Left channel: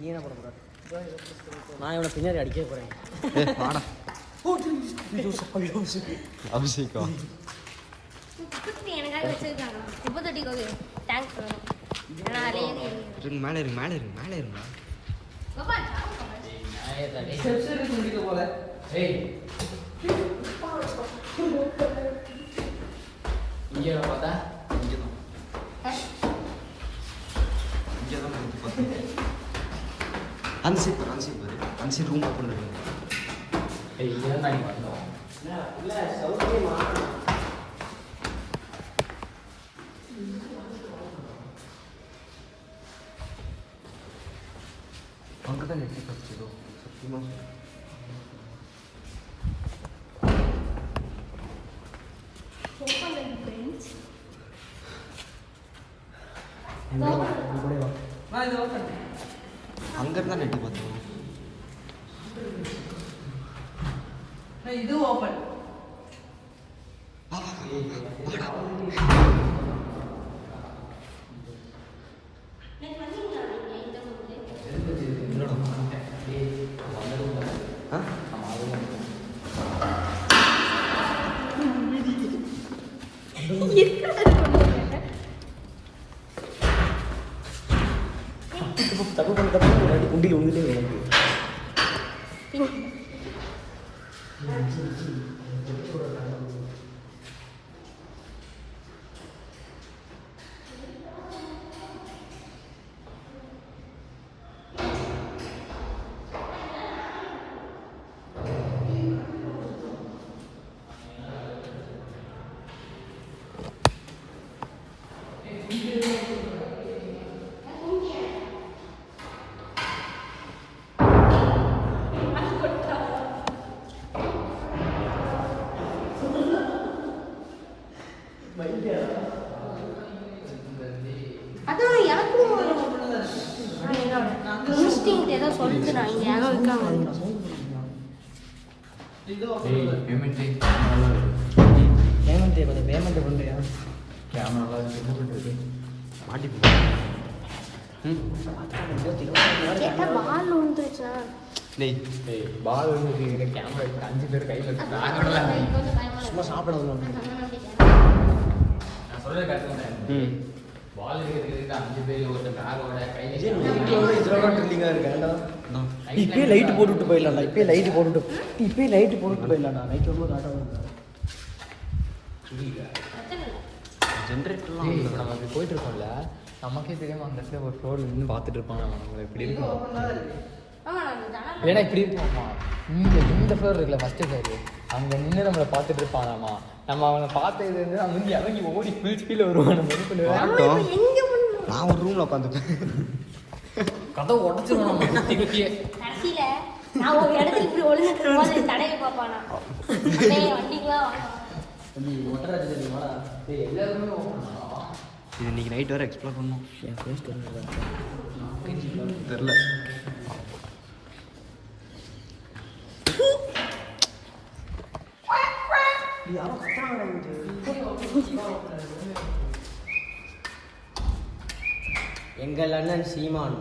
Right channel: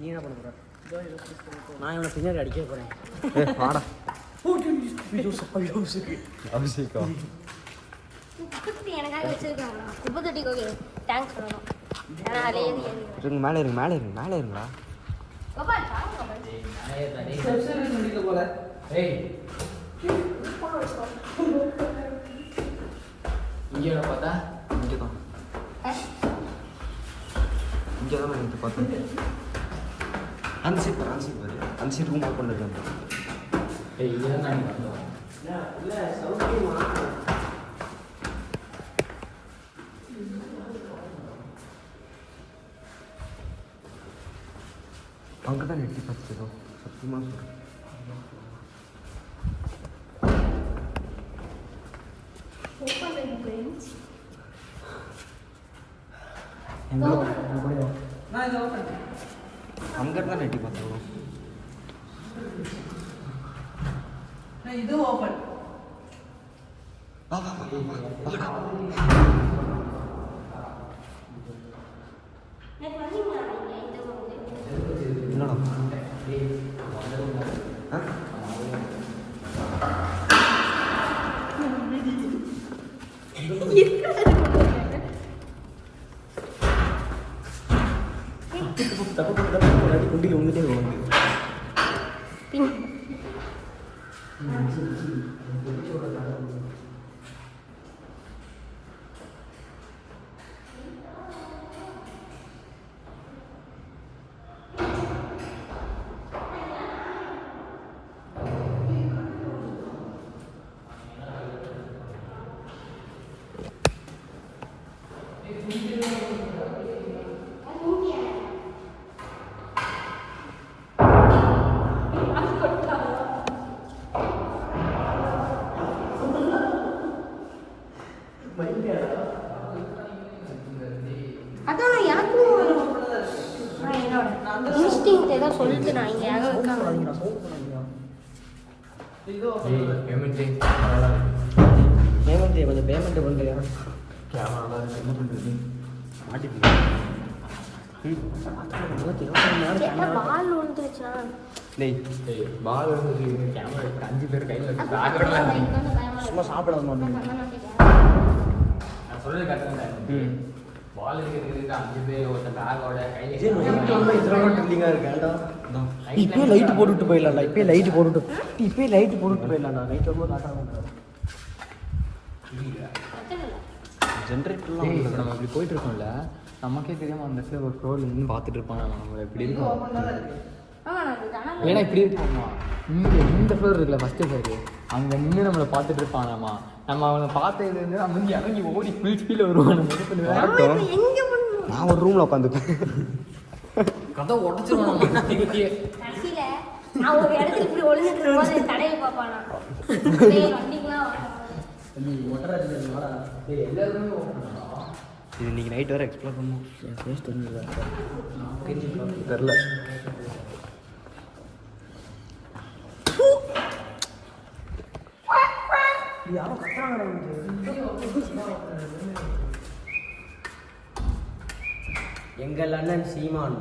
நீ என்ன பண்ண போற? நான் இவனை பின்னாடி அடிக்க போறேன். வாடா அபிஷேகா குப்பை எனக்காக வச்சிருக்காங்க. குப்பை தொட்டிக்கு ஓகே. தேங்க்ஸ். இருங்க மேலே இருங்க மேலே இருங்க மேலே இருங்களா கோபால் சாவு கோபால். சரி முடிக்க போல. ஏய் இங்க பார்த்தா இங்கே தான் எனக்கு பார்த்தேன் அந்த சைட் பாரு அந்த சைட் ரூம் ஓப்பன் இருக்கு. ஏய் இங்க தான் நீ வந்தோம். இல்ல சவுண்டே மாத்து. அங்கே தான் நெட்டி பார்த்துக்கிறோம் சத்தியமாக சொல்கிறேன். அங்கே தான் நெட்டி பார்த்தோம். இது ஓபன். குண்டியில் வந்துட்டே வரும். ஏதோ சொல்லிட்டு நான் இங்கே யாரும் இருக்காங்க. பேமெண்ட் பண்ணுறியா? கேமரா என்ன பண்ணுறது? மாட்டி பால் விழுந்துருச்சா? பால் வந்து கேமரா இப்போ 5 பேர் கையில் சும்மா சாப்பிடாது நான் சொல்ல கட்டுறேன். பால் இருக்கிறதுக்கு 5 பேர் ஒருத்தர் பேக்கோட கையில் இப்பயே லைட் போட்டுட்டு போயிடலாம்டா. இப்பயே லைட் போட்டுட்டு போயிடலாம்டா. நைட் ரொம்ப நாட்டாக ஜென்ரேட்டர்லாம் நம்ம அப்படி போயிட்டு இருக்கோம்ல, நமக்கே தெரியாம அந்த இடத்துல ஒரு ஃப்ளோர் நின்று பார்த்துட்டு இருப்பாங்க. நம்மளை இப்படி இருக்கும். ஏன்னா இப்படி இருக்காமா இந்த ஃப்ளோர் இருக்குல்ல ஃபர்ஸ்ட் ஃப்ளோர், அங்கே நின்று நம்மளை பார்த்துட்டு இருப்பாங்களாமா. நம்ம அவனை பார்த்தது வந்து அவங்க இறங்கி ஓடி ஃபுல் ஸ்பீடில் வருவான். வரட்டும், நான் ஒரு ரூமில் உட்காந்துப்பேன். கதை உடச்சிருவான் நம்ம குத்தி குத்தியே. கடைசியில நான் ஒரு இடத்துல இப்படி ஒளிஞ்சிட்டு தடையை பார்ப்பானா வண்டிக்கெல்லாம் எல்லாருமே இது இன்னைக்கு நைட் வரை எக்ஸ்ப்ளோர் பண்ணணும். என் ஃபேஸ் தெரிஞ்சல தெரில. எங்கள் அண்ணன் சீமான்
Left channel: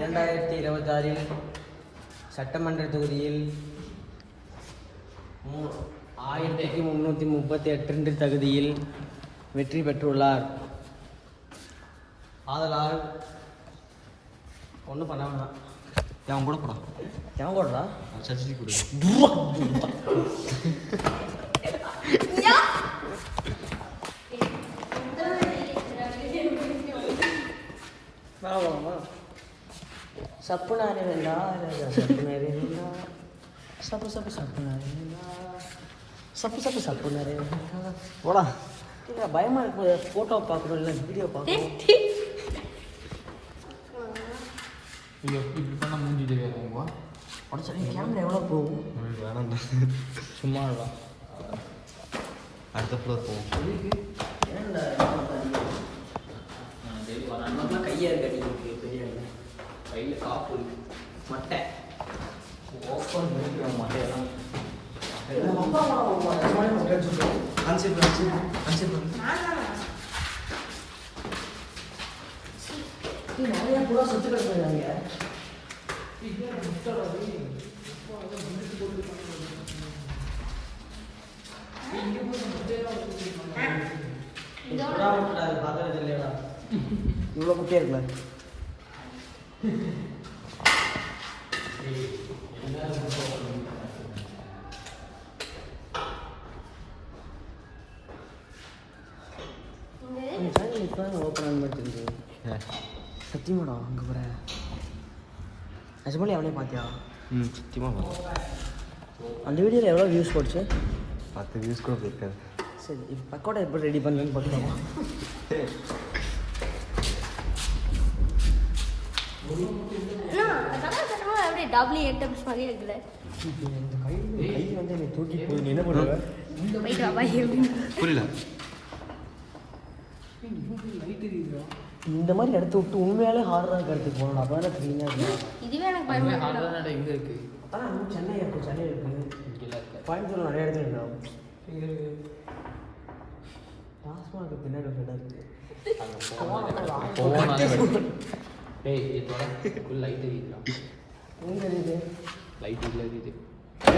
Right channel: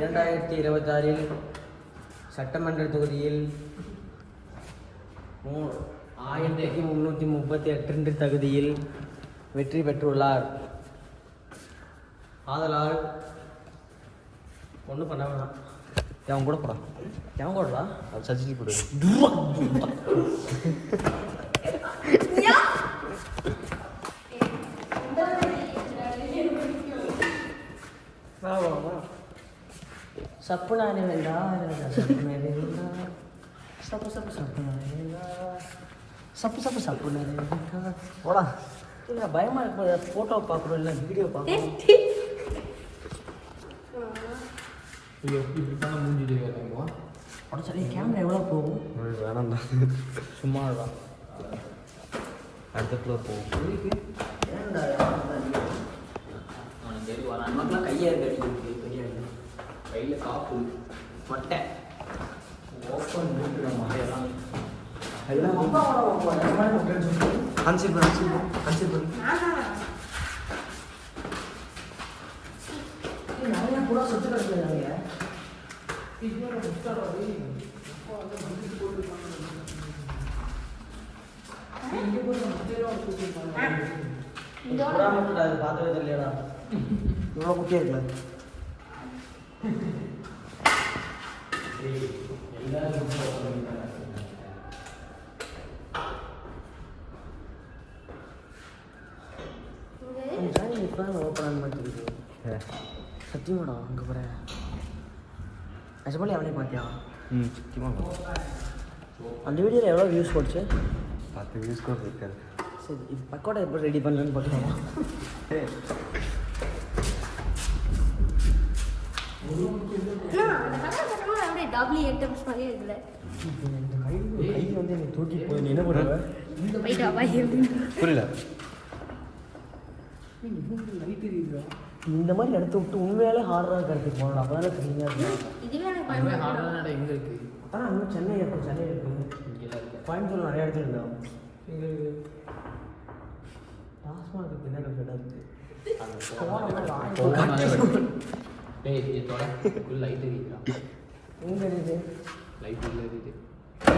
2026 சட்டமன்ற தொகுதியில் 1338 தகுதியில் வெற்றி பெற்றுள்ளார். ஆதலால் ஒன்றும் பண்ண வேணாம். அவன் கூட போடா, ஏன் போடுறா? அது சஜிச்சு போடு. சப்புனா சப்பு சப்பு சப்புனா சப்புனா போடா. இல்லை பயமா இப்போ ஃபோட்டோ பார்க்குறோம், இல்லை வீடியோ பார்க்குறோம். இப்படித்தான் மூஞ்சிட்டு வேணுமா? உடச்சா கேமரா எவ்வளோ போகும்? வேணாம்டா, சும்மா தான் அடுத்த ஃப்ளோர் போவோம். நமக்குலாம் கையை கட்டி கையில் காப்பு மட்டை ஓப்பன் முடிக்கிற மட்டையெல்லாம் அன்சிப் நிறையா கூட சுற்றுக்கிற இவ்வளோ குட்டியாக இருக்குல்ல சத்தியமாடா அங்கே போகிற நிஜமாலே அவனே பார்த்தியா? ம் சத்தியமாக அந்த வீடியோவில் எவ்வளோ வியூஸ் போச்சு? 10 வியூஸ் கூட போயிருக்காரு. சரி இப்போ பக்கோடா எப்படி ரெடி பண்ணுறேன்னு பார்க்கலாம். அப்படியே டபுள் ஐட்டம்ஸ் மாதிரி இருக்குல்ல. கை வந்து என்னை தூக்கி போய் நீ என்ன பண்ணுற? போயிட்டு வா பாய் அப்படின்னு. புரியல. இந்த மாதிரி எடுத்து விட்டு உண்மையாலே ஹார்டாக கருத்து போகணும். அப்போ தானே தெரியுங்க. இதுவே எனக்கு பயமா எங்கே இருக்கு? அதான் இன்னும் சென்னை இருக்கும், சென்னை இருக்குது, கோயம்புத்தூர் நிறைய இடத்துல இருக்கும். டாஸ்மாக பின்னாடி இருக்குது. டேய் இதோட லைட் எரியுதுடா. எங்கே இருக்குது? லைட் இல்லை எரியுது.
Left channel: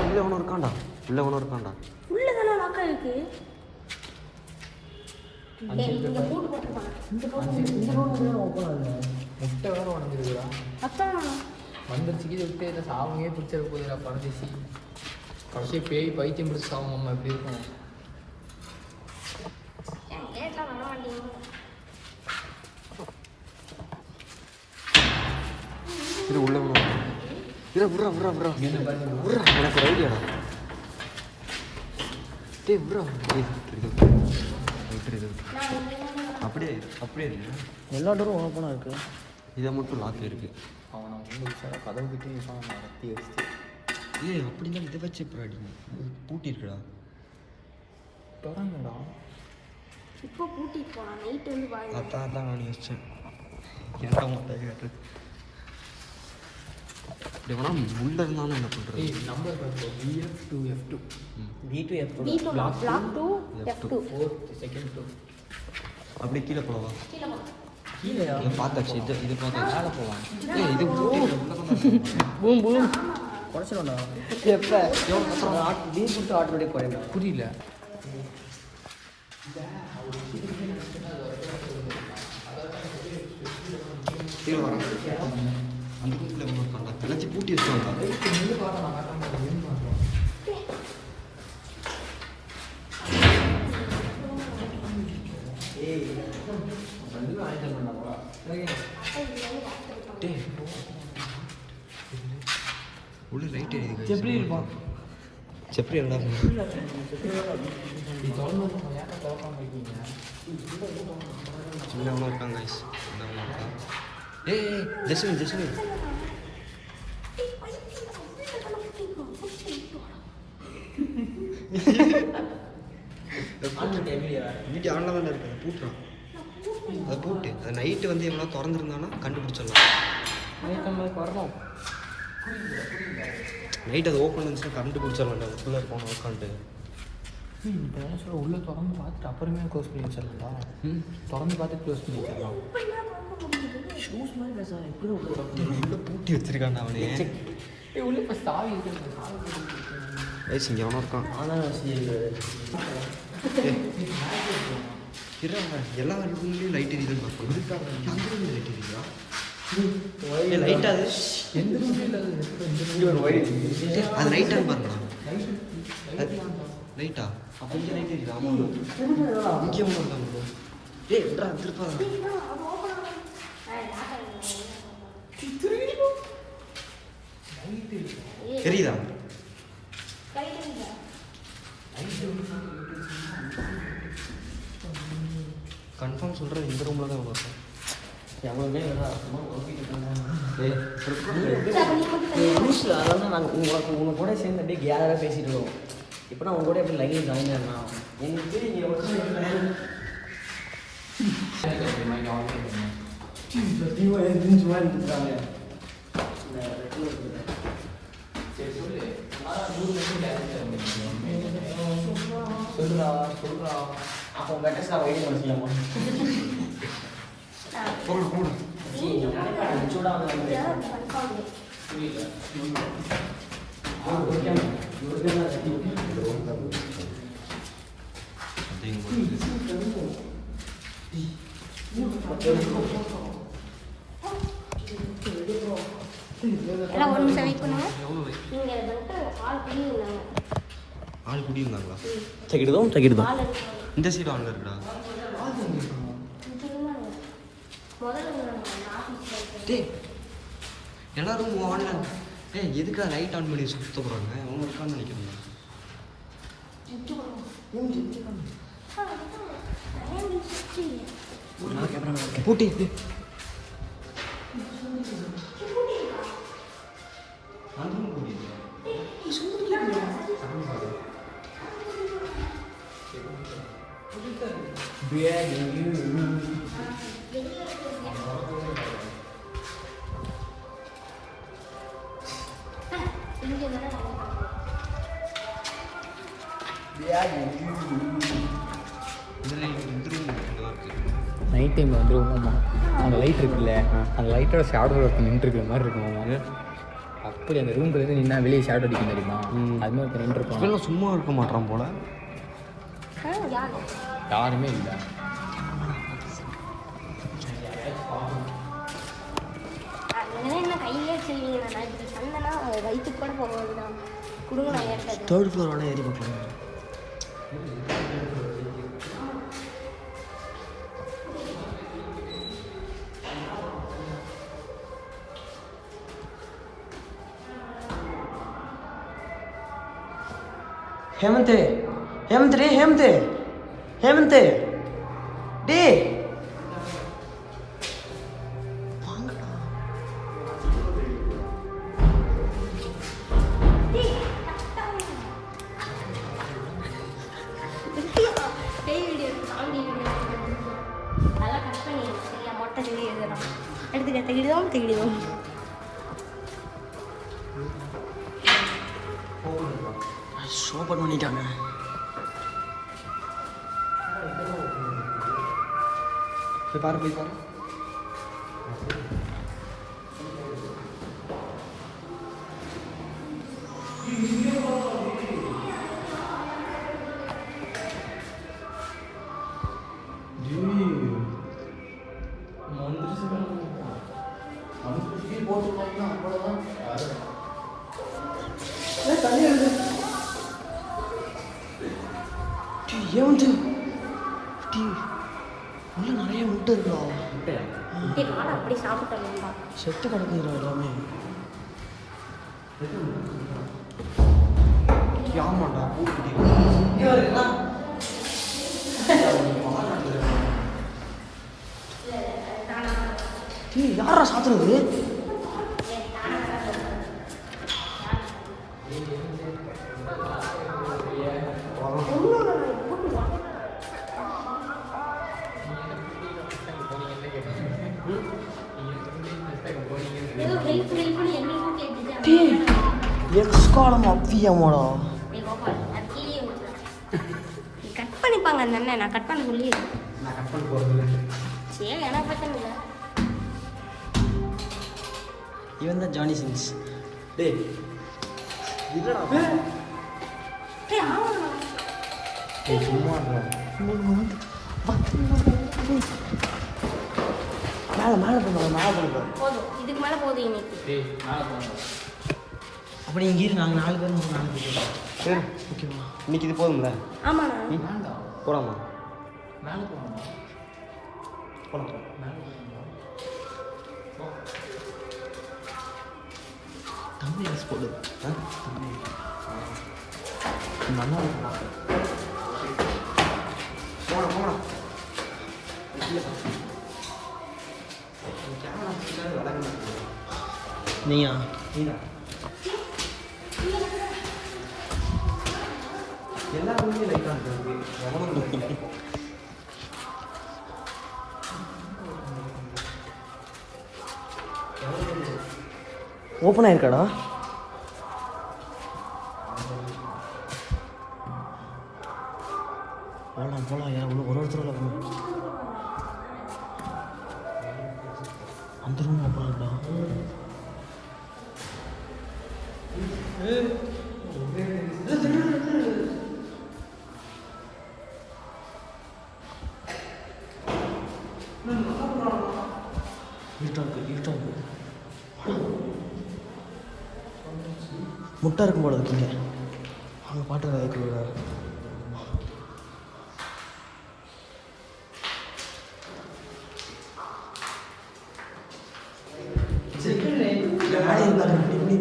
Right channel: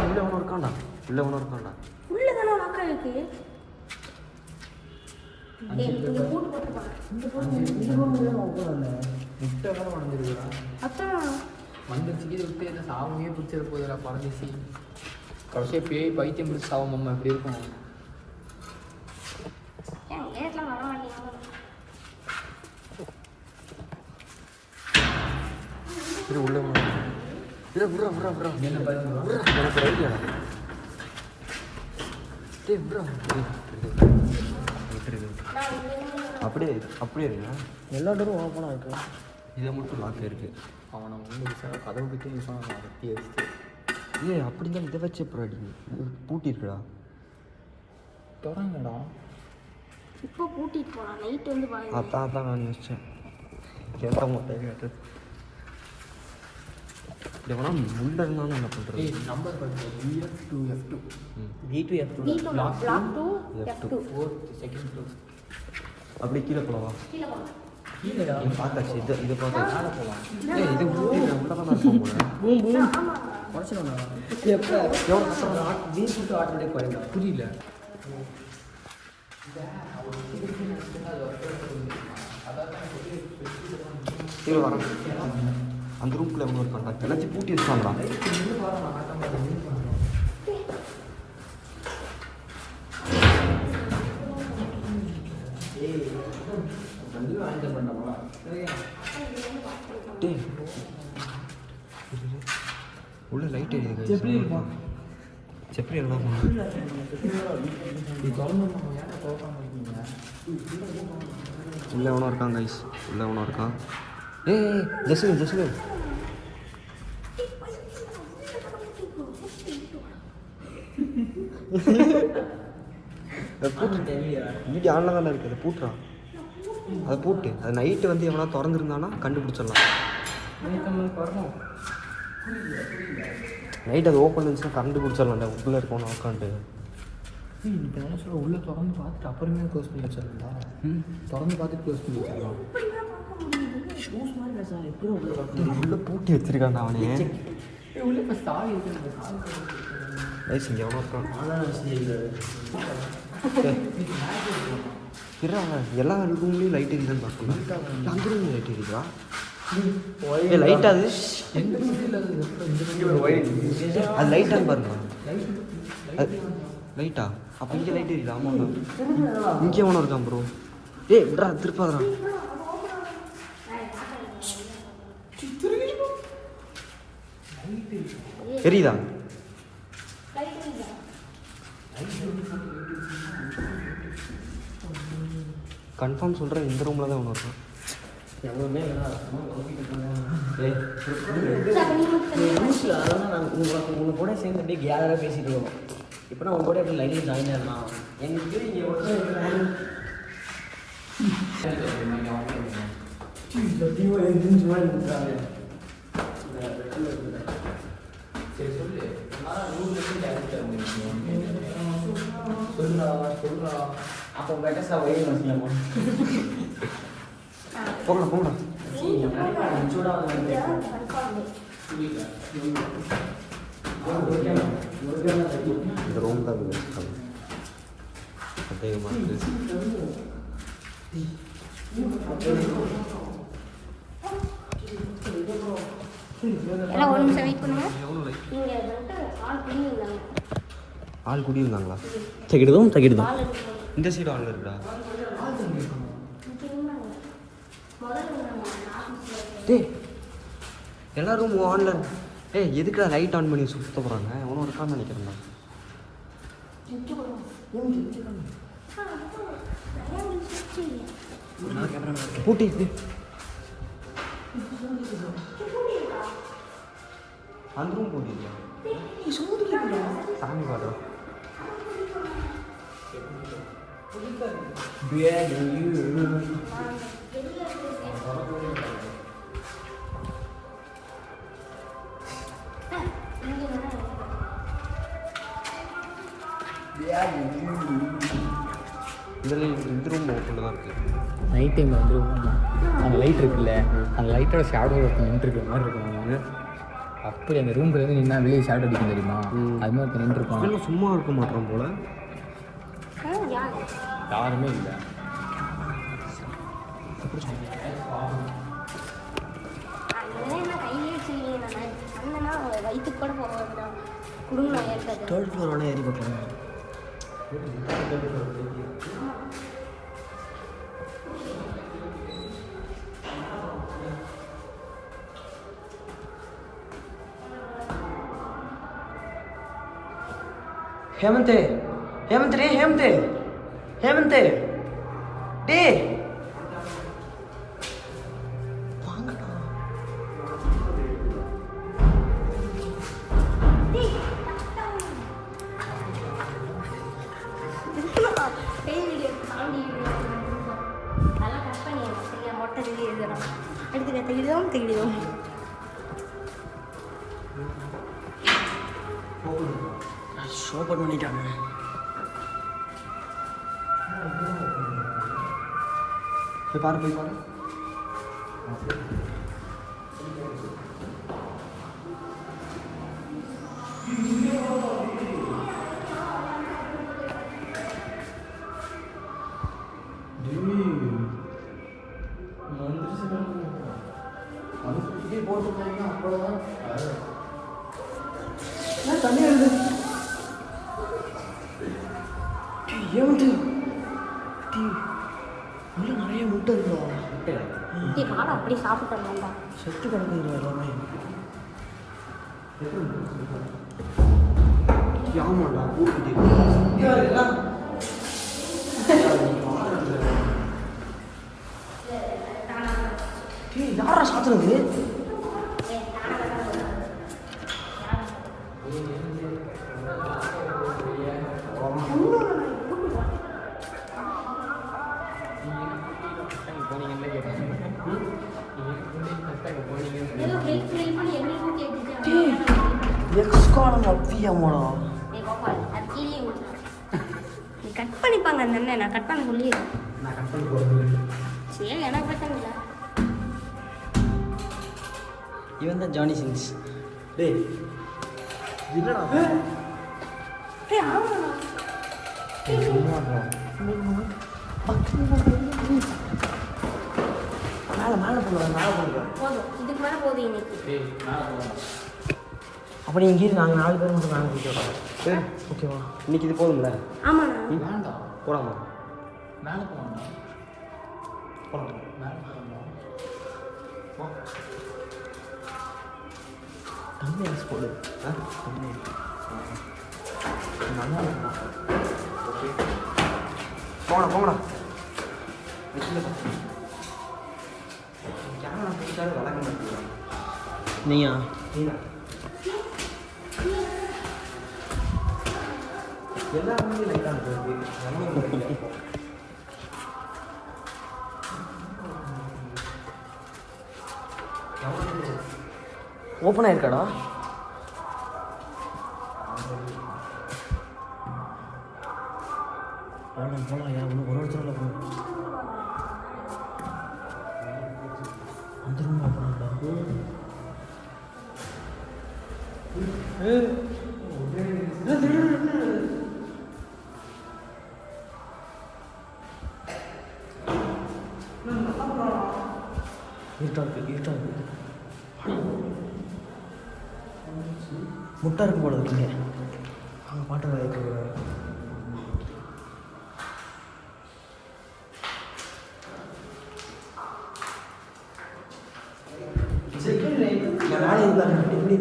இல்லை ஒன்று இருக்காண்டா, இல்லை ஒன்று இருக்காண்டா. உள்ள தானே வாக்கா இருக்கு. இந்த போட்டு போட்டு இந்த ரூம் தான் ஓப்பன் இல்லை. முட்டை வேற உடஞ்சிருக்குறா. அதான் வந்துருச்சுக்கி விட்டு இதை சாவங்கே பிடிச்சிட போதுடா பறந்துச்சு. கடைசியாக பேய் பைத்தியம் பிடிச்சி சாவம் அப்படி இருக்கும். ஏட்லாம் நல்லா வண்டியா. இது உள்ள இது ப்ரோ ப்ரோ ப்ரோ என்ன பாருங்க உனக்கு ஐடியா டேய் ப்ரோ அப்படியே அப்படியே இருங்க. எல்லா டோரும் ஓப்பனாக இருக்கு. இதை மட்டும் லாக் இருக்கு. அவனை வந்து கதவு கிட்டே கத்தி வச்சு ஏய் அப்படி தான் இதை வச்சு அப்புறம் அடி பூட்டி இருக்குடா. தொடங்கடா. இப்போ பூட்டிட்டு போனா நைட் வந்து பாய். அதான் நான் யோசித்தேன் கேட்ட மாட்டேன் கேட்டது. இப்படி வேணா உள்ள இருந்தாலும் என்ன பண்ணுறது? Number BF2F2 B2 F2 Block Block 2 F2 4th second floor. அப்படி கீழே போலவா? கீழ போ. கீழே பார்த்தாச்சு இதை பார்த்தாச்சு. ஏய் இது பூட்டி உள்ள தான் இருக்கும். பூம் பூம் குறைச்சிடா. எப்போ எவ்வளோ கஷ்டம். வீடு கொடுத்து ஆட்டோமேட்டிக் குறையும். புரியல. கீழே வரேன். அந்த ரூம்குள்ளே எவ்வளோ இருக்காண்டா? எல்லாத்தையும் பூட்டி இருக்காங்களா? உள்ள லைட் எரியுது. எப்படி இருப்பான்? செப்பரி எல்லாம் உள்ள எவனோ இருக்கான் கைஸ். உள்ள எவனோ இருக்கான். ஏய் ஜெஸ்மின் வீட்டு ஆன்ல தானே இருக்குது. பூட்டுறான். அதை பூட்டு. அது நைட்டு வந்து எவனா திறந்துருந்தானா கண்டுபிடிச்சிடலாம். நைட் அது ஓப்பன் இருந்துச்சுன்னா கண்டுபிடிச்சிடலாம்ல. உள்ளே இருக்கோம் உட்காந்து. இப்போ என்ன சொல்ல உள்ளே திறந்து பார்த்துட்டு அப்புறமே க்ளோஸ் பண்ணி வச்சிடலாம்டா. திறந்து பார்த்துட்டு க்ளோஸ் பண்ணி வச்சிடலாம். ஷூஸ் மாதிரி இல்லை சார். எப்படி உள்ள உள்ள பூட்டி வச்சிருக்கான் அவனே. உள்ள இப்போ சாவி இருக்கு. கைஸ் இங்கே எவனோ இருக்கான். எல்லா ரூம்லேயும் லைட் எரியுதுன்னு பார்க்கலாம். அந்த ரூம் லைட் எரியுதா? லைட் அது எந்த ரூம்லேயும் இல்லாத அது லைட்டான்னு பாருங்களா? லைட்டா? அப்போ இங்கே லைட் எரியுதா? இங்கே எவனோ இருக்கான் ப்ரோ. ஏய்டா திருப்பாதா. தெரியுதா? கன்ஃபார்ம் சொல்கிறேன் இந்த ரூமில் தான் உள்ள இருக்கும். எவ்வளோமே ஏய் ரூல்ஸில் அதாவது நாங்கள் உங்களை கூட சேர்ந்து அப்படியே கேராக பேசிட்டு இருக்கோம். இப்போ நான் உங்க கூட எப்படி லைனில் ஜாயின் ஆகலாம்? எங்களுக்கு இங்கே சொல்றா. அப்போ பெட்டஸ்டாக வெயிட்டிங் வச்சுக்கலாமா? போங்கடா இந்த ரூம் தான் அதிகமாக எல்லாம் ஒரு நிமிஷம் வெயிட் பண்ணுங்க. எவ்வளோ லைட் இங்கே வந்துட்டு ஆள் குடியிருந்தாங்க. ஆள் குடியிருந்தாங்களா? தகிடுதோம் ஆள் எடுத்துட்டு இந்த சைடு ஆள் இருக்குடா. இருந்தாங்க. முதல்ல இருந்தாங்க ஆஃபீஸில். டேய் எல்லா ரூமும் ஆன்ல. ஏய் எதுக்குடா லைட் ஆன் பண்ணி சுத்த போகிறாங்க? எவனும் இருக்கான்னு நினைக்கிறேன். பூட்டி அந்த ரூம் பூட்டி சாமி பாரு. இதில் இந்த ரூம் ஓப்பனில் தான் இருக்குது. நைட் டைமில் வந்துருவோம். அந்த லைட் இருக்குல்ல, அந்த லைட்டோட ஷேடோ நின்றுருக்கிற மாதிரி இருக்கும். அப்படி அந்த ரூம் போய் நின்னா வெளியே ஷேடோ அடிக்கும் தெரியுமா? அது மாதிரி இப்போ நின்றுருப்பாங்க. இதெல்லாம் சும்மா இருக்க மாட்டான் போல. யாருமே இல்லை. என்ன கையிலே செய்யல. சந்தனா வயிற்றுக்கு கூட போகிறது குடுங்க. தேர்ட் ஃப்ளோர் வேணால் ஏறி பார்க்கலாம். ஹேமந்த் ஹேமந்த் டே ஹேமந்த் ஹேமந்த் டே வாங்கடா. நல்லா கட் பண்ணி சரியா மொட்டை தெரிய எழுதலாம். எடுத்துக்க தெகிடுதோம். ஷோபட் பண்ணிட்டாங்க. போய் பாரு போய் பாரு. ஹேமந்த் உள்ள நிறைய முட்டை இருக்கோம். அப்படி சாப்பிட்டோம்டா. செத்து கிடக்குது எல்லாமே. ஆமாண்டா யாரா சாத்துறது? ஏதோ ஹெல்ப் பண்ணி எங்களுக்கும் கேட்டுச்சு. கட் பண்ணிப்பாங்க அந்த அண்ணன். நான் கட் பண்ண சொல்லி நான் கட் பண்ணி போகிறது. சரி எனக்கு பிரச்சனை இல்லை. இவன் தான் ஜானி சின்ஸ். டேய் இல்லடா. டேய் ஆமாண்ணா. சும்மா மேலே போனோம். நான் பண்ணுறோம். போதும், இதுக்கு மேலே போதும் இன்னைக்கு. அப்படி இங்கே இரு. நாங்கள் 4 பேர் மட்டும் மேலே போயிட்டு ஓகேவா? இன்னைக்கு இது போதும்ல? ஆமாண்ணா. வேண்டாம். போடாமா? மேலே போகணும். போலாம். தம்பி அரசு போடு. தம்பி நல்லா இருக்குமா? போகலாம் போகலாம். நீயா? எல்லா ரூம்லையும் லைட்டாக இருக்குது. ஓப்பன் ஆயிருக்காடா? போகலாம் ஏன் ஒன்று ஒருத்தரில் போகணும். அந்த ரூமில் போகலாம்டா. முட்டை இருக்கும் போல இருக்குங்க அவங்க பாட்டு வைக்கிறாரு.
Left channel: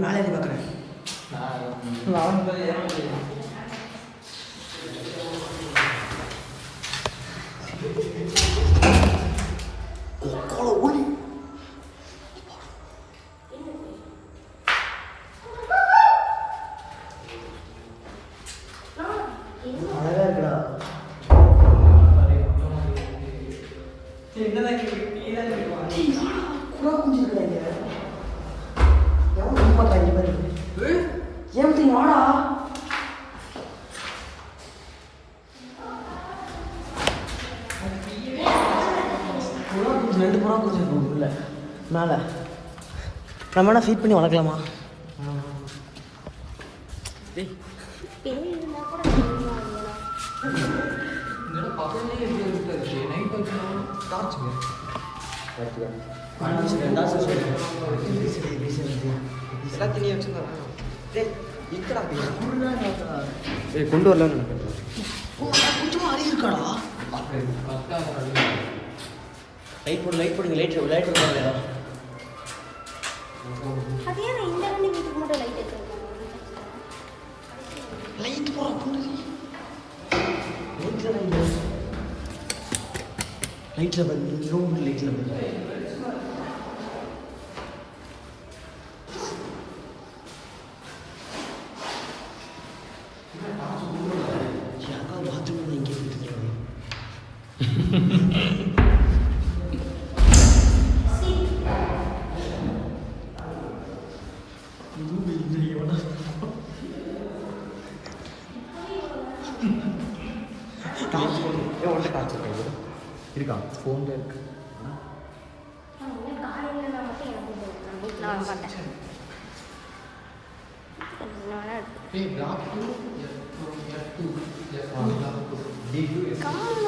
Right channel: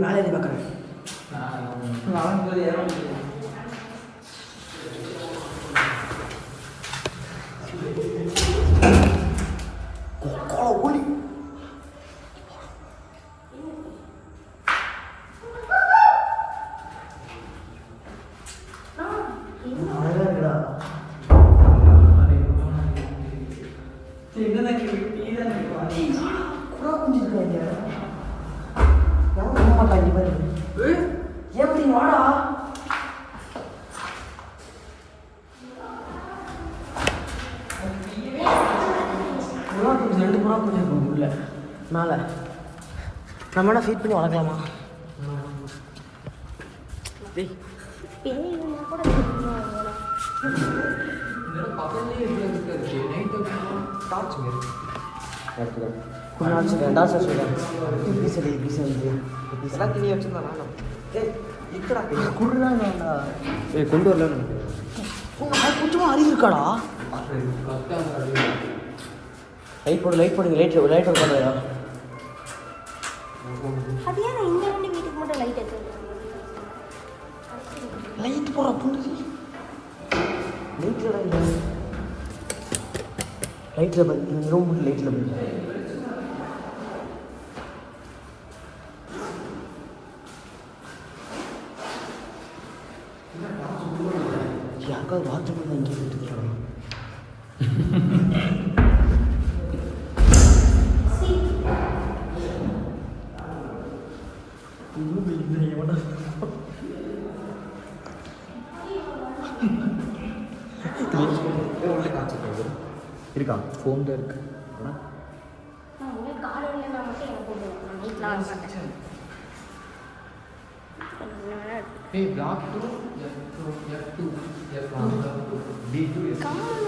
வேலையை பார்க்குறேன் அழகா இருக்குடா. புறா குஞ்சு இருக்குடா இங்க. எவன் நம்ப மாட்டான் இங்க பாரு. ஏன் வாடா. புறா குஞ்சு 2 புறா குஞ்சு இருக்கும் உள்ள மேலே. நம்ம என்ன ஃபீட் பண்ணி வளர்க்கலாமா? டேய் பேய்னா கூட தெரியும் அதெல்லாம். கொண்டு வரல கொஞ்சமா அறிவு இருக்காடா. லைட் போடுங்க லைட் போடுங்க. அது ஏன் இந்த இடத்துல வீட்டுக்கு மட்டும் லைட் எடுத்துக்கணும்? லைட் போடுற பொண்ணு லைட்டில் இந்த ரூம் மட்டும் லைட்டில் அக்கா பாத்ரூம் தான் இங்கே எடுத்துருக்காங்க. இருக்கா ஃபோன் இருக்கு. காலையில் நான் மட்டும் எனக்கு வீட்டில் வாங்க மாட்டேன். காலையா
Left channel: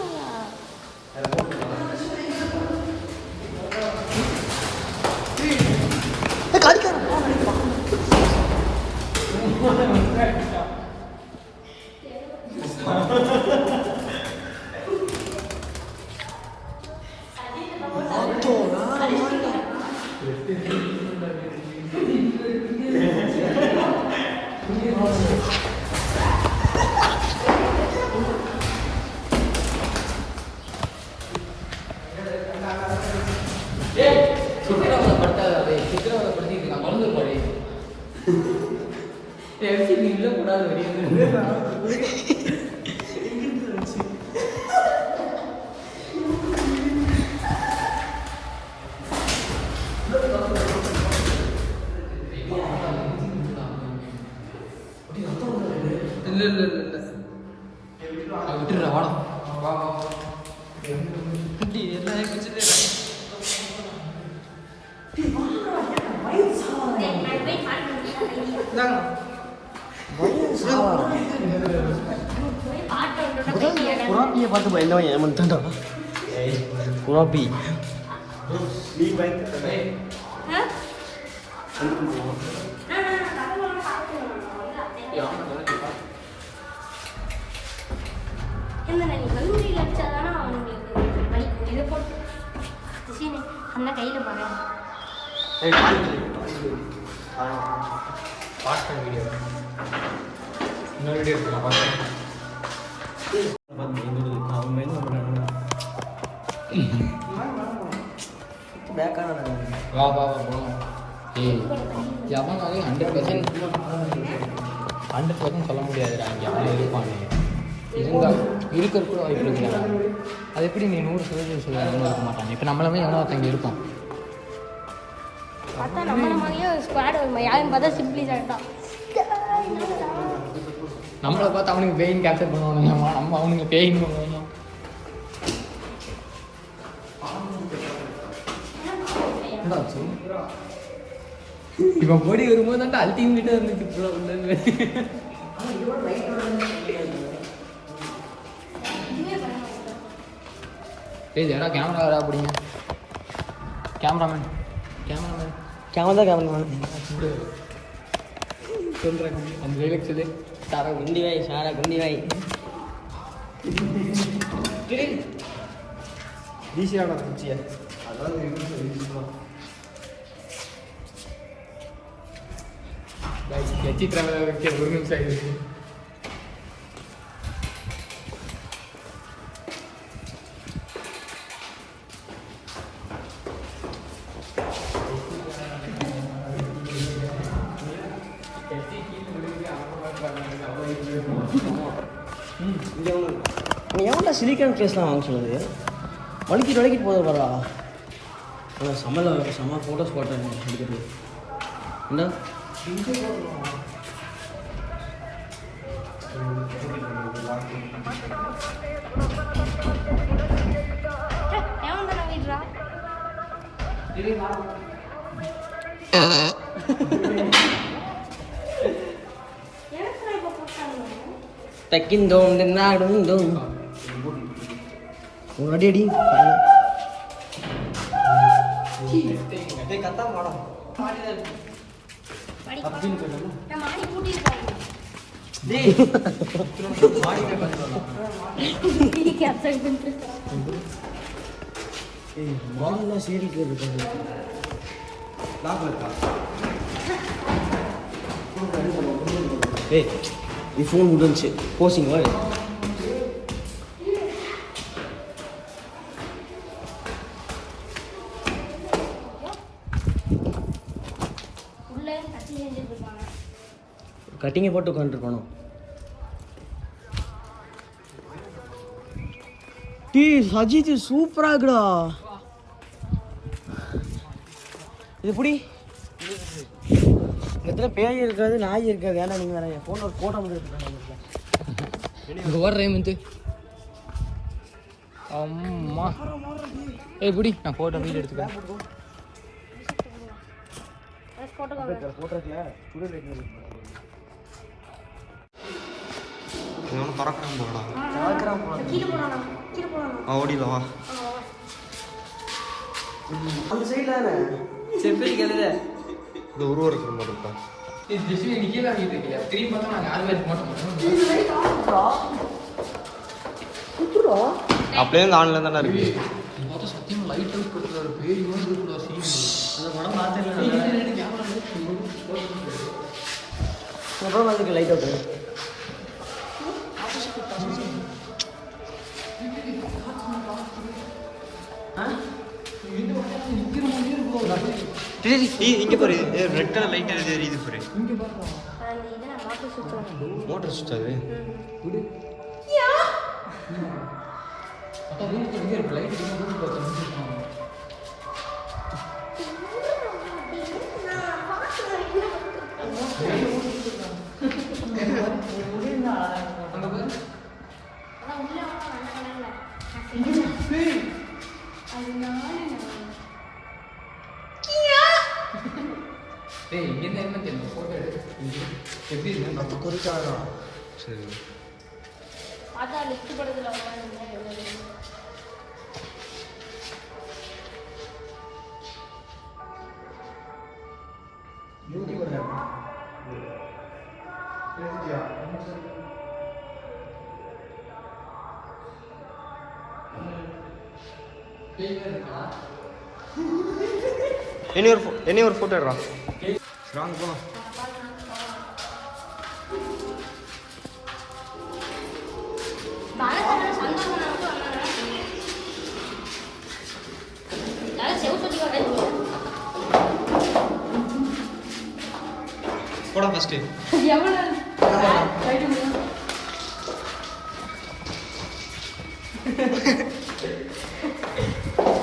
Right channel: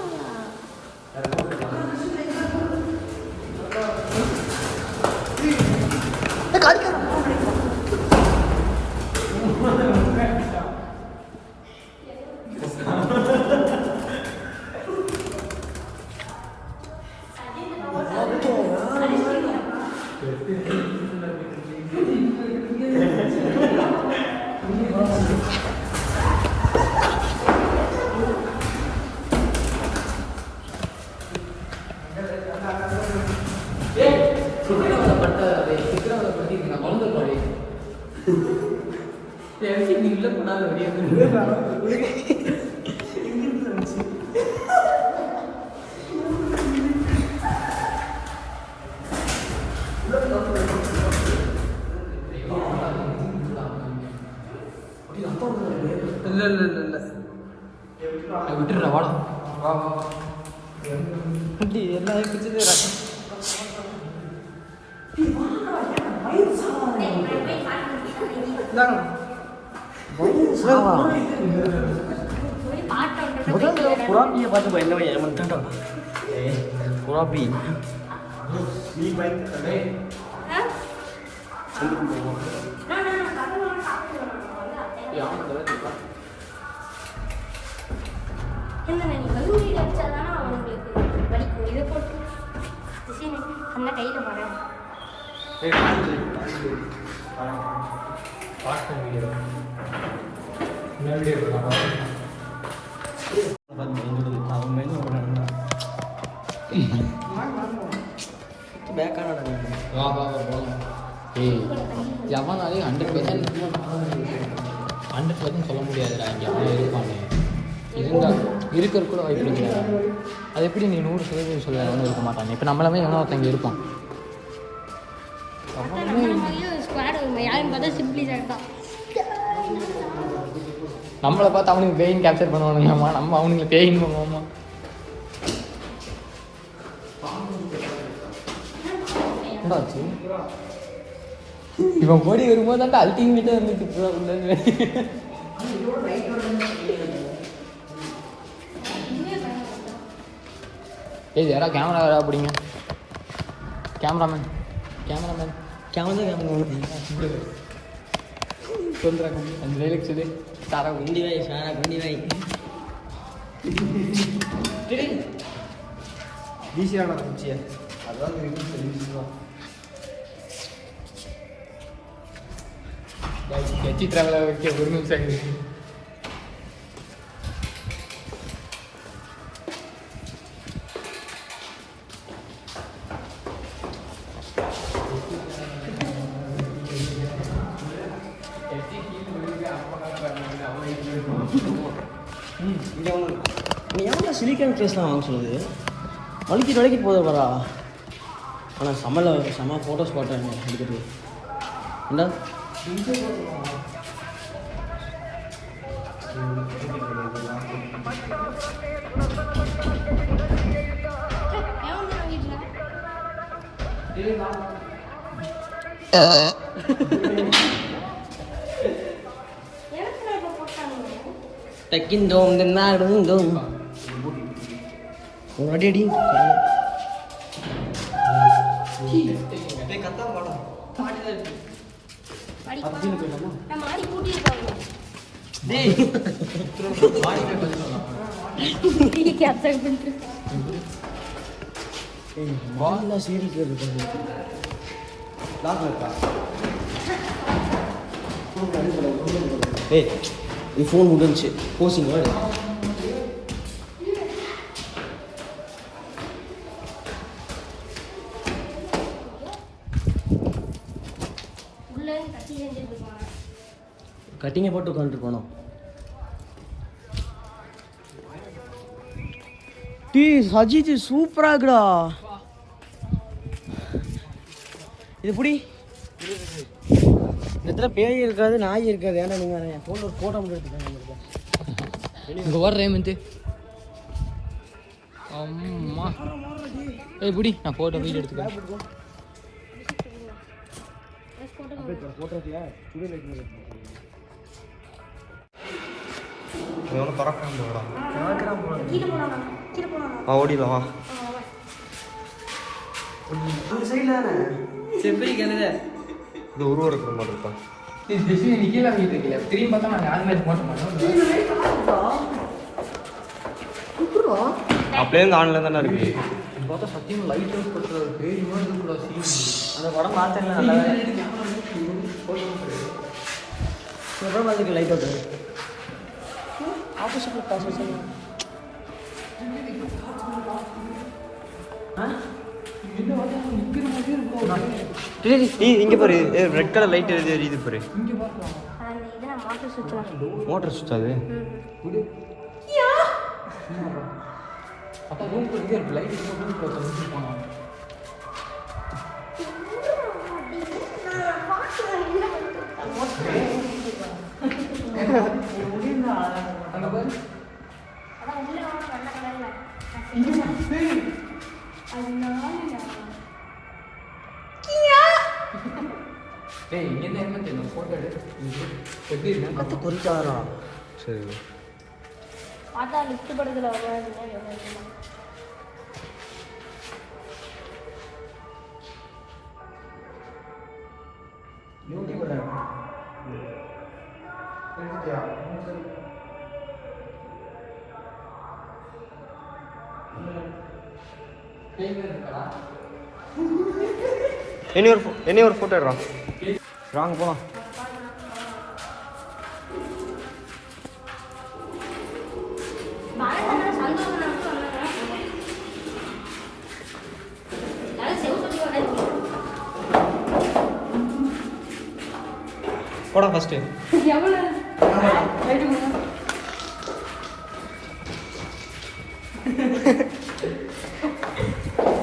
புறாப்பியை பார்த்து பயந்தவன் ஏமாத்தான். புறாப்பி நீ பயந்துட்ட. அந்த கையில பாரு. எவனாலே 100% சொல்ல முடியாதுடா. இங்கே அவன் இருப்பாங்க இருந்தால் இருக்கிற கூட வாய்ப்பு இருக்கிறாங்க. அது எப்படி நீ 100% சொல்ல இருக்க மாட்டாங்க. இப்போ நம்மளுமே எவனோ ஒருத்தங்க இருப்போம். நம்மளை பார்த்து அவனுக்கு பெயின் கேப்சர் பண்ணுவானுங்களாமா, நம்ம அவனுங்க பெயின் பண்ணுவோமா? இவன் போடி வரும்போது தான் அல்டிமேட்டாக வந்துட்டு ஏய் யாரா கேமரா அப்படிங்க கேமராமேன் கேமரா கேமரா சொல்கிறேன் அந்த டைலாக் சொல்லி சாரா குண்டி வாய் சாரா குண்டி வாய் வீசியாடா பூச்சியை அதான் வீசுவா எச்சி ட்ராவல் வைக்க ஒரு நிமிஷம் ஆகிடுச்சு நீ எவ்வளோ சிலிக்கான் ட்ரெஸ்லாம் வாங்க சொல்லுது வலிக்கிட்டு போதும் வரா ஆனால் செம்ம ஃபோட்டோஸ் போட்டேன் எடுக்கிறது இந்த தக்கிந்தோம் தின்னாடுந்தோம் ஒரு அடி அடி கத்தா பாடம் மாடி கூட்டிட்டு போறேன் மாடெல்லாம் சீரிட்டு வருது லாபம் இருக்கா ஏய் நீ ஃபோன் முடிஞ்சு போசிங்க கட்டிங்கை போட்டு உட்காந்துட்டு போனோம் டீ சஜித் சூப்பராக இருக்குடா இது எப்படி இந்த இடத்துல பேய் இருக்காது நாய் இருக்காது ஏன்னா நீங்கள் வேற என் ஃபோன் ஒரு ஃபோட்டோ மட்டும் எடுத்துக்கோங்க இங்கே ஓடுறேன் வந்து அம்மா ஏய் பிடி நான் ஃபோட்டோ வீடியோ எடுத்துக்கிறேன் பறக்காம போகலாம் ஓடிடலாம் வா அந்த சைடில் தானே செப்பி கழுத இது உருவம் இருக்கிற மாதிரி இருக்கா திரும்பி பார்த்தா நான் யாருமே போட்ட மாட்டோம் அப்படியே ஆன்ல தானே இருக்கு பார்த்தா சத்தியம் லைட் பேரி மாதிரி இருக்கக்கூடாது அந்த படம் பார்த்தேன் நல்லா அப்புறம் அதுக்கு லைட் அவுட் இங்க பாரு ரெட் கலர் லைட் எரியுது பாரு மோட்டர் சுவிட்ச் அது அது குறிக்காதா சரி என்ன ஒரு ஃபோட்டோ எடுறா வாங்க போலாம் போடா ஃபர்ஸ்ட்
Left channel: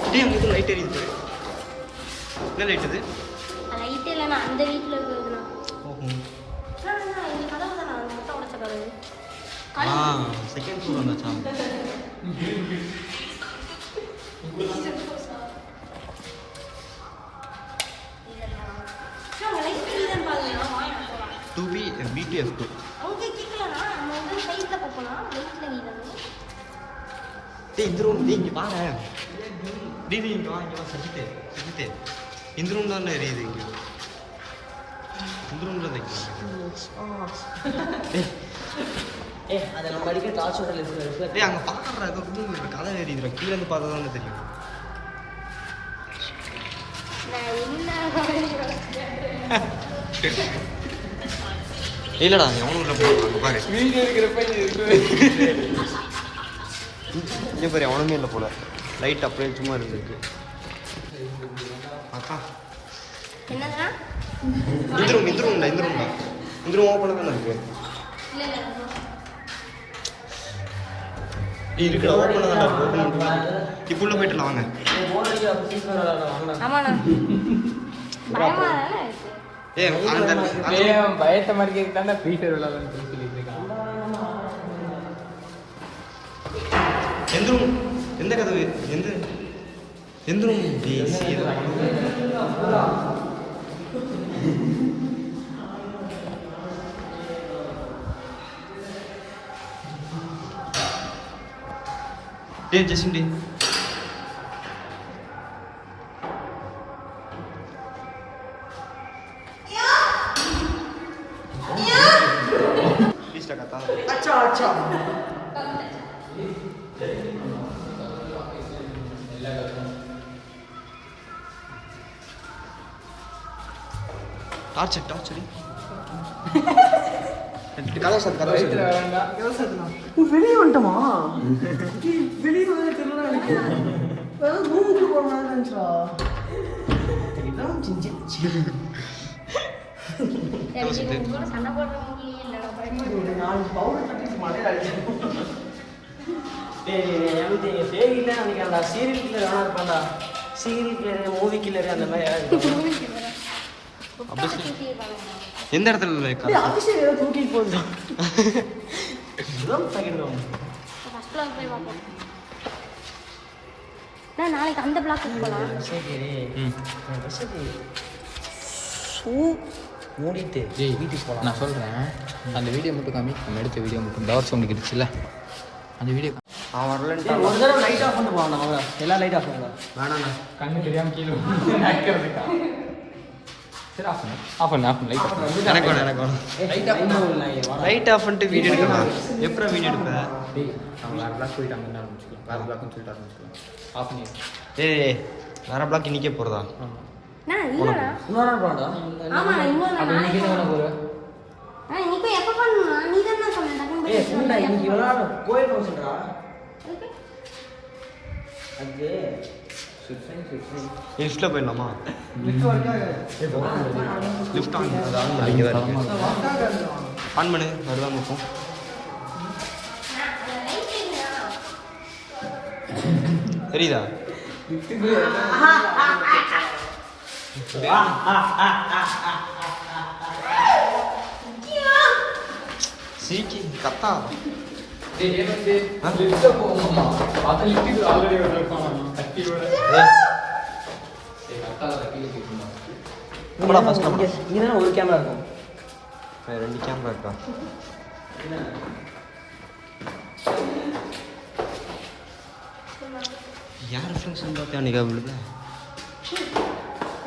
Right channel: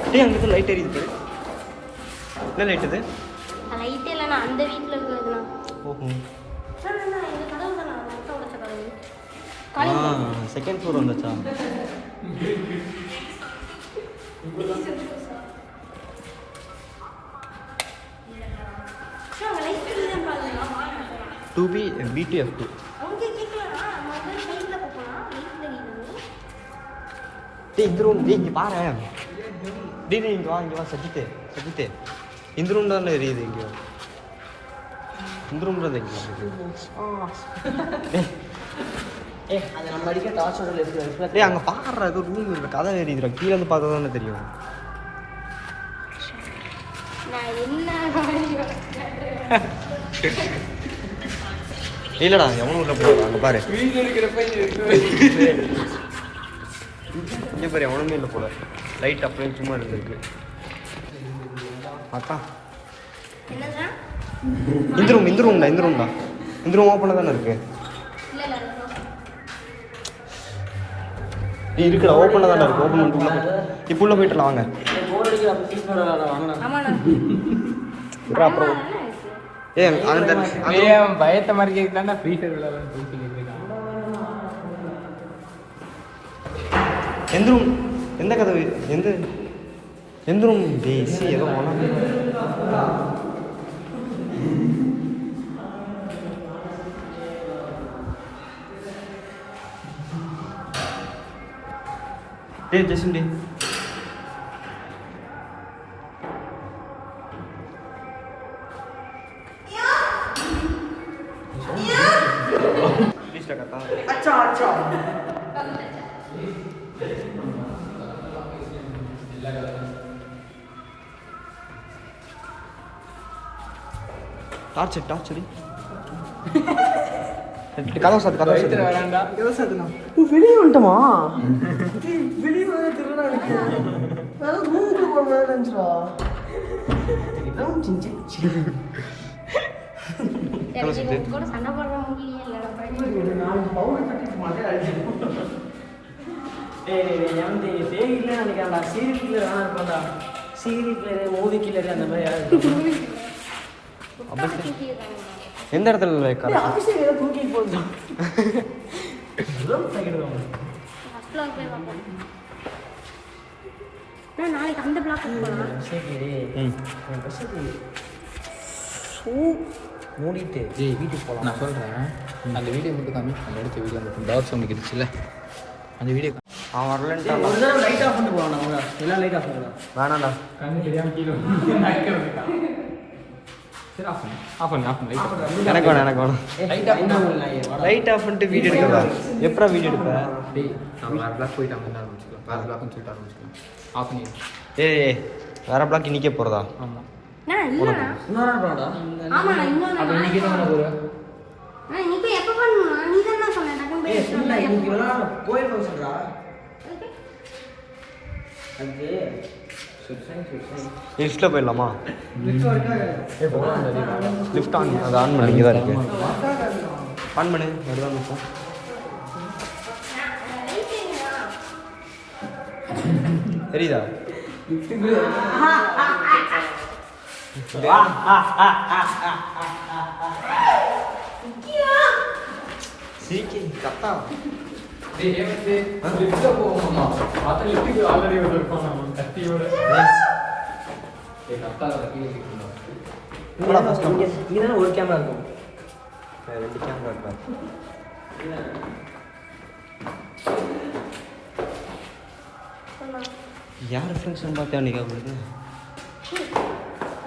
டேய் அங்க லைட் எரியுது என்ன லைட் இது லைட் இல்ல அந்த வீட்ல இருக்குது ஓஹோ இந்த கலர் தான் நான் உடைச்ச கலர் செகண்ட் ஃப்ளோர் வந்தாச்சா நான் லைட் இல்லன்னு பாருங்க டூ பி BTF2 அவங்க கேட்கலனா நம்ம வந்து சைடுல போலாம் லைட்ல இல்ல டேய் இந்த ரூம் டேய் நீ பாரு டேய் இங்க வா சஜித்தே இந்த ரூம் தான் எரியுது எங்கேயோ. இந்த ரூம் தான் எங்கேயோ. அதை நம்ம அடிக்க டார்ச்சோட லெஃப்ட். டேய் அங்கே பாடுற ஏதோ ரூம் இல்லை, கதை எரியுதுடா. கீழே வந்து பார்த்தா தானே தெரியும். இல்லடா எவனும் உள்ள போடுவா. அங்கே பாரு வீடியோ இருக்கிறப்ப இங்கே பாரு எவனுமே இல்லை போல. லைட் அப்படியே சும்மா இருக்கு. அதான் என்னங்க? இந்த ரூம்டா இந்த ரூம் ஓப்பனாக தானே இருக்கு. இல்ல இல்ல இருக்குடா, ஓப்பனாக தானே இருக்கு. ஓப்பன் பண்ணிக்கலாம். இப்போ உள்ள போயிட்டுலாம் வாங்க. ஆமா நான் பயமா தானே இருக்கு. ஏ அந்த பயத்த மாதிரி இருக்காங்க. ஃப்ரீ ஃபயர் விளையாடுறேன்னு சொல்லிட்டு இருக்காங்க. எந்த ரூம்? எந்த கதவு? எந்த ரூம்? ஏதோ டேய் ஜெசின் டி ப்ளீஸ் கத்தா. டார்ச்சர் கதவு சார் வெளியே வந்துட்டோமா? வெளியே வந்து திருவிழா ரூமுக்குள்ள போகிறா. கதவு சுத்து. சண்டை போட முடியல. நான் பவுடர் கட்டிட்டு மாட்டேன். நினைக்கிறேன் சீரியல் கில்லர் வேணா இருப்பான்டா. சீரியல் கில்லர், மூவி கில்லர் அந்த மாதிரி எந்த இடத்துல தூக்கிட்டு போகுது. நாளைக்கு அந்த பிளாக் போகலாம். மூடிட்டு வீட்டுக்கு போகலாம். நான் சொல்கிறேன், அந்த வீடியோ மட்டும் காமி. நம்ம எடுத்த வீடியோ மட்டும் டவர் சவுண்ட் இருந்துச்சுல்ல, அந்த வீடியோ அவன் வரலன்ட்டான். லைட் ஆஃப் பண்ணிட்டு போவாங்க. அவங்க எல்லாம் லைட் ஆஃப் பண்ணுவாங்க. வேணாண்ணா கண்ணு தெரியாமல் கீழே சரி ஆஃப் பண்ணு எனக்கு வேணும். லைட் ஆஃப் பண்ணிட்டு வீடியோ எடுக்கிறதா? எப்படா வீடியோ எடுப்பேன்? நம்ம வேறு பிளாக் போயிட்டு அங்கே ஆரம்பிச்சிக்கலாம். வேறு பிளாக்னு சொல்லிட்டு ஆரம்பிச்சிக்கலாம். ஆஃப் பண்ணி ஏய் வேற பிளாக் இன்னைக்கே போகிறதா? ஆமாம். உனக்கு இன்னொரு நாள் போடா. ஆமா இன்னொரு அப்போ இன்னைக்கு தான் போகிறேன். இன்னைக்கு எப்ப பண்ணணும்? நீ தான் சொன்னேன். டக்குனு ஏய் ஃபுல்லா இன்னைக்கு இவ்வளோ நாள் கோயில் வச்சுடுறா. அது லிஃப்ட்டில் போயிடலாமா? லிஃப்ட் ஆன் அது ஆன் பண்ணி தான் இருக்கேன். ஆன் பண்ணு வருவாங்க இப்போ. தெரியுதா? சீக்கிரம் கத்தா. இங்கே ஒரு கேமரா இருக்கும். 2 கேமரா இருக்கா? யார் ரிஃப்ளெக்ஷன் பார்த்தா அன்றைக்கி அவங்களுக்கு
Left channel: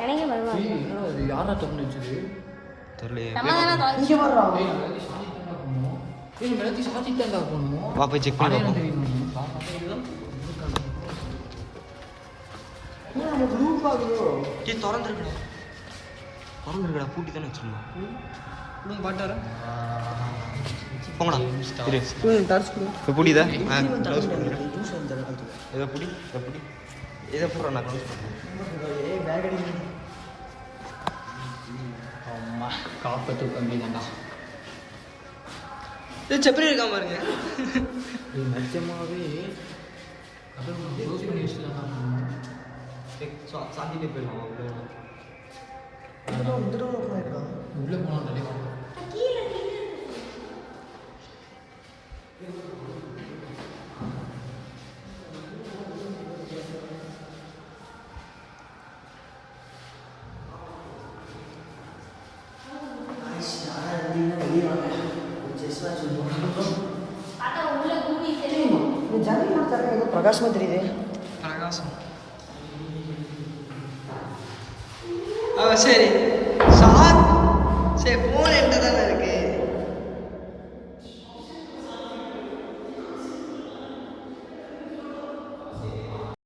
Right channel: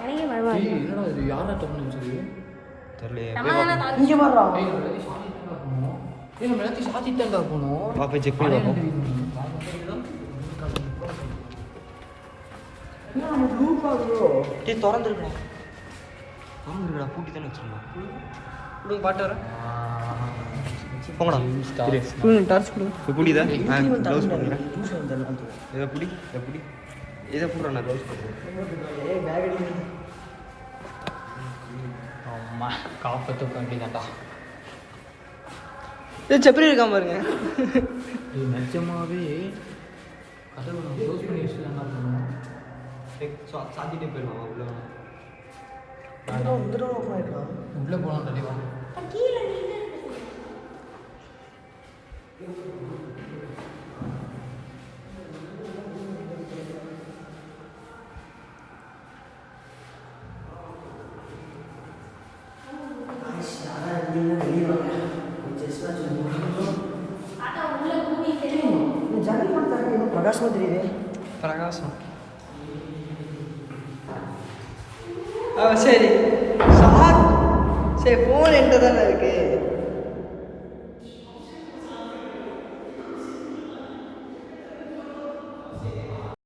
எனக்கு பயமா இருக்கு. இது யாரா தப்பு நினச்சது? தெரியலையே. இங்கே வரலாம். போகணும். வா போய் செக் பண்ணி பார்ப்போம். திறந்துருக்கடா பூட்டி தானே வச்சிருந்தோம். போங்கடா புடிதா? க்ளவுஸ் போட்டுக்கிறேன். இதை புடி இதை பூரா நான் க்ளவுஸ் போட்டுக்கிறேன். செப்பரி இருக்காம பாருங்க. நிஜமாவே கதவை க்ளோஸ் பண்ணி வச்சுட்டு என்ன பண்ணுவோம்? சாத்திட்டு போயிடலாம். உள்ளே போகணும் தள்ளி போகணும். பிரகாசம் தெரியுது. பிரகாசம் சரி சார் சரி ஃபோன் என்கிட்ட தானே இருக்கு